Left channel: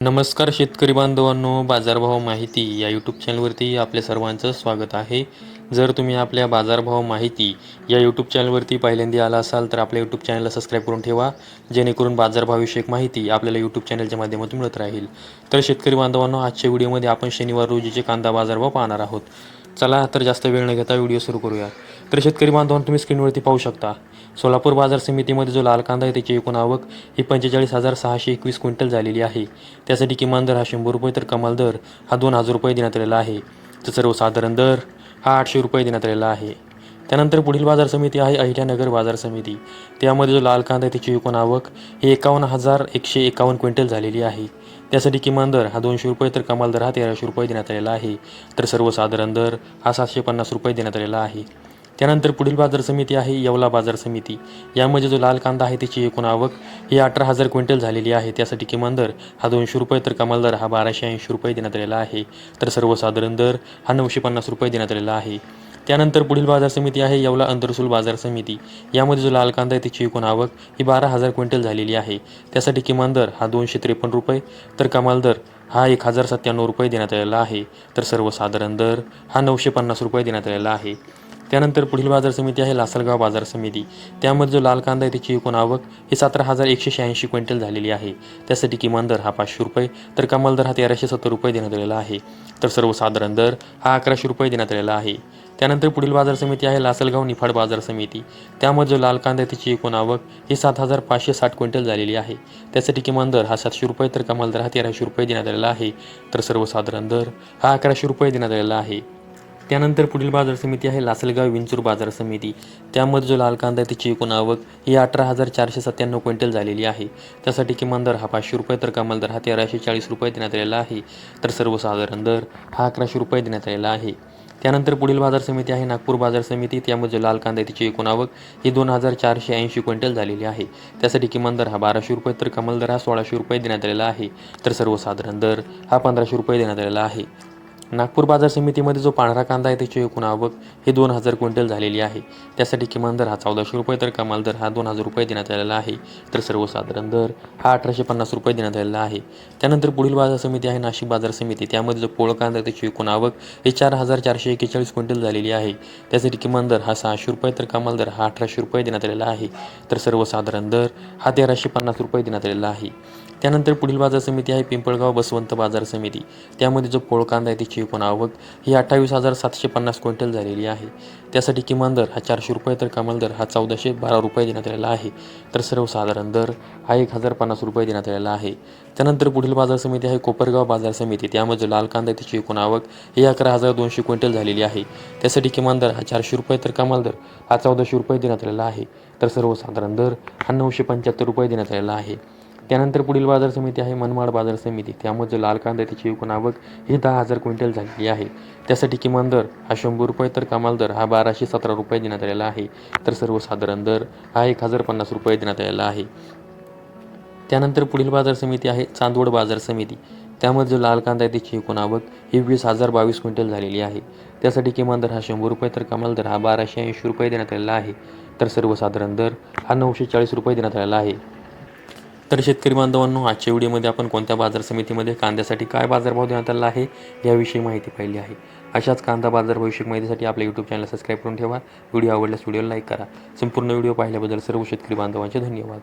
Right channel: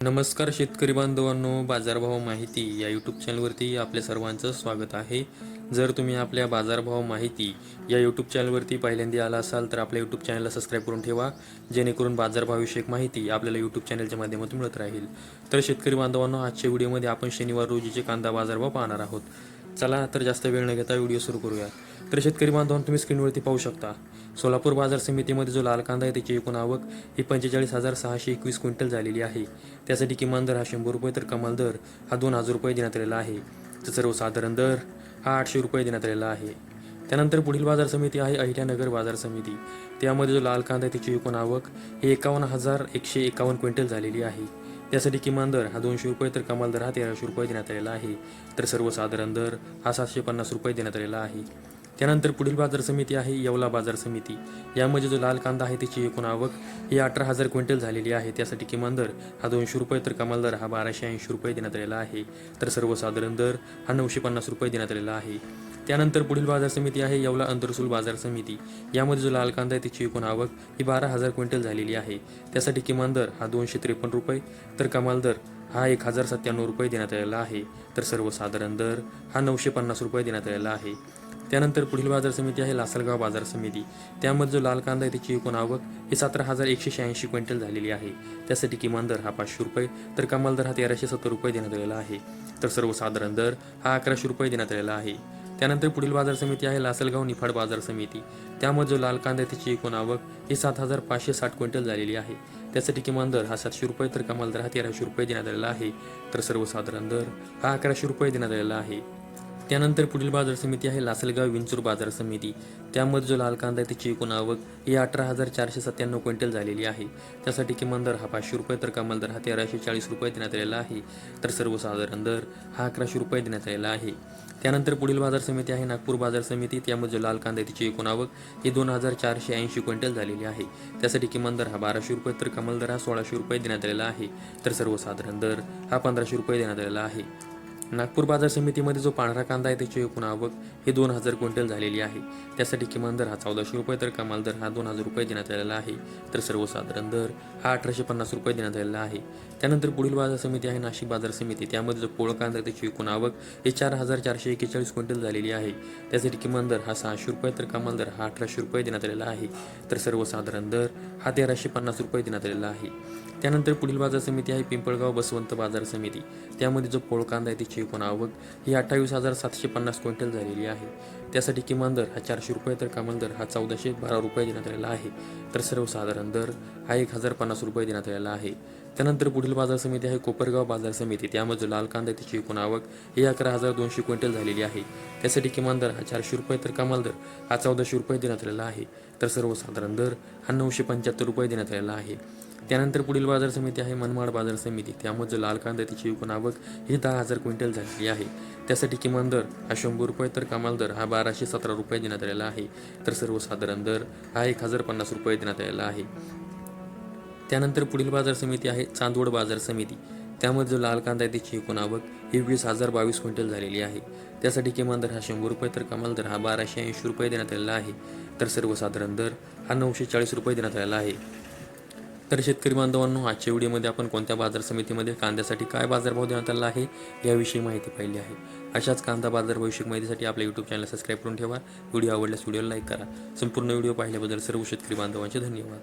नमस्कार शेतकरी बांधवांनो, बाजारभाव माहिती या यूट्यूब चॅनलवरती आपल्या सर्वांचं स्वागत आहे. जर तुम्ही आपल्या बाजारभाव माहिती या यूट्यूब चॅनलवरती पहिल्यांदा आला असाल तर आपल्या यूट्यूब चॅनलला सबस्क्राईब करून ठेवा, जेणेकरून बाजारभावविषयक माहिती आपल्याला यूट्यूब चॅनलच्या माध्यमातून मिळत राहील. तर शेतकरी बांधवांनो, आजच्या व्हिडिओमध्ये आपण शनिवार रोजीचे कांदा बाजारभाव पाहणार आहोत. चला तर जास्त वेळ न घेता व्हिडिओ सुरू करूया. तर शेतकरी बांधवांनो, तुम्ही स्क्रीनवरती पाहू शकता, सोलापूर बाजार समितीमध्ये जो लाल कांदा आहे त्याची एकूण आवक ही 45,621 क्विंटल झालेली आहे. त्यासाठी किमान दर हा 100 रुपये तर कमाल दर हा 2,000 रुपये देण्यात आलेला आहे. तर सर्वसाधारण दर हा 800 रुपये देण्यात आलेला आहे. त्यानंतर पुढील बाजार समिती आहे अहिल्यानगर बाजार समिती. त्यामध्ये जो लाल कांदा आहे त्याची एकूण आवक ही 51,151 क्विंटल झालेली आहे. त्यासाठी किमान दर हा 200 रुपये तर कमाल दर हा 1,300 रुपये देण्यात आलेला आहे. तर सर्वसाधारण दर हा 750 रुपये देण्यात आलेला आहे. त्यानंतर पुढील बाजार समिती आहे येवला बाजार समिती. यामध्ये जो लाल कांदा आहे त्याची एकूण आवक ही 18,000 क्विंटल झालेली आहे. त्यासाठी किमान दर हा 200 रुपये तर कमाल दर हा 1,280 रुपये देण्यात आलेला आहे. तर सर्वसाधारण दर हा 950 रुपये देण्यात आलेला आहे. त्यानंतर पुढील बाजार समिती आहे येवला अंतरसूल बाजार समिती. यामध्ये जो लाल कांदा आहे त्याची एकूण आवक ही 12,000 क्विंटल झालेली आहे. त्यासाठी किमान दर हा 253 रुपये तर कमाल दर हा 1,097 रुपये देण्यात आलेला आहे. तर सर्वसाधारण दर हा 950 रुपये देण्यात आलेला आहे. त्यानंतर पुढील बाजार समिती आहे लासलगाव बाजार समिती. त्यामध्ये जो लाल कांदा आहे त्याची एकूण आवक ही 17,186 क्विंटल झालेली आहे. त्यासाठी किमान दर हा 500 रुपये तर कमाल दर हा 1,370 रुपये देण्यात आलेला आहे. तर सर्वसाधारण दर हा 1,100 रुपये देण्यात आलेला आहे. त्यानंतर पुढील बाजार समिती आहे लासलगाव निफाड बाजार समिती. त्यामध्ये जो लाल कांदा आहे त्याची एकूण आवक ही 7,560 क्विंटल झालेली आहे. त्यासाठी किमान दर हा 700 रुपये तर कमाल दर हा 1,300 रुपये देण्यात आलेला आहे. तर सर्वसाधारण दर हा 1,100 रुपये देण्यात आलेला आहे. त्यानंतर पुढील बाजार समिती आहे लासलगाव विंचूर बाजार समिती. त्यामध्ये जो लाल कांदा आहे त्याची एकूण आवक ही 18,497 क्विंटल झालेली आहे. त्यासाठी किमान दर हा 500 रुपये तर कमाल दर हा 1,340 रुपये देण्यात आलेला आहे. तर सर्वसाधारण दर हा 1,100 रुपये देण्यात आलेला आहे. त्यानंतर पुढील बाजार समिती आहे नागपूर बाजार समिती. त्यामध्ये जो लाल कांदा आहे त्याची एकूण आवक ही 2,480 क्विंटल झालेली आहे. त्यासाठी किमान दर हा 1,200 रुपये तर कमाल दर हा 1,600 रुपये देण्यात आलेला आहे. तर सर्वसाधारण दर हा 1,500 रुपये देण्यात आलेला आहे. नागपूर बाजार समितीमध्ये जो पांढरा कांदा आहे त्याची एकूण आवक ही 2,000 क्विंटल झालेली आहे. त्यासाठी किमान दर हा 1,400 रुपये तर कमाल दर हा 2,000 रुपये देण्यात आलेला आहे. तर सर्वसाधारण दर हा 1,850 रुपये देण्यात आलेला आहे. त्यानंतर पुढील बाजार समिती आहे नाशिक बाजार समिती. त्यामध्ये जो पोळ कांदा आहे त्याची एकूण आवक ही 4,441 क्विंटल झालेली आहे. त्यासाठी किमान दर हा 600 रुपये तर कमाल दर हा 1,800 रुपये देण्यात आलेला आहे. तर सर्वसाधारण दर हा 1,350 रुपये देण्यात आलेला आहे. त्यानंतर पुढील बाजार समिती आहे पिंपळगाव बसवंत बाजार समिती. त्यामध्ये जो पोळ कांदा आहे त्याची एकूण आवक ही 28,750 क्विंटल झालेली आहे. त्यासाठी किमान दर हा 400 रुपये तर कमाल दर हा 1,412 रुपये देण्यात आलेला आहे. तर सर्वसाधारण दर हा 1,050 रुपये देण्यात आलेला आहे. त्यानंतर पुढील बाजार समिती आहे कोपरगाव बाजार समिती. त्यामध्ये लाल कांदा त्याची एकूण आवक ही 11,200 क्विंटल झालेली आहे. त्यासाठी किमान दर हा 400 रुपये तर कमाल दर हा 1,400 रुपये देण्यात आलेला आहे. तर सर्वसाधारण दर हा 975 रुपये देण्यात आलेला आहे. त्यानंतर पुढील बाजार समिती आहे मनमाड बाजार समिती. त्यामध्ये जो लाल कांदा त्याची एकूण आवक ही 10,000 क्विंटल झालेली आहे. त्यासाठी किमान दर हा 100 रुपये तर कमाल दर हा 1,217 रुपये देण्यात आलेला आहे. तर सर्वसाधारण दर हा 1,050 रुपये देण्यात आलेला आहे. त्यानंतर पुढील बाजार समिती आहे चांदवड बाजार समिती. त्यामध्ये जो लाल कांदा आहे त्याची एकूण आवक ही 20,022 क्विंटल झालेली आहे. त्यासाठी किमान दर हा 100 रुपये तर कमाल दर हा 1,280 रुपये देण्यात आलेला आहे. तर सर्वसाधारण दर हा 940 रुपये देण्यात आलेला आहे. तर शेतकरी बांधवांनो, आजच्या व्हिडिओमध्ये आपण कोणत्या बाजार समितीमध्ये कांद्यासाठी काय बाजारभाव देण्यात आला आहे याविषयी माहिती पाहिली आहे. अशाच कांदा बाजार भविष्यक माहितीसाठी आपल्या यूट्यूब चॅनल सबस्क्राईब करून ठेवा. व्हिडिओ आवडल्यास व्हिडिओला लाईक करा. संपूर्ण व्हिडिओ पाहिल्याबद्दल सर्व शेतकरी बांधवांचे धन्यवाद.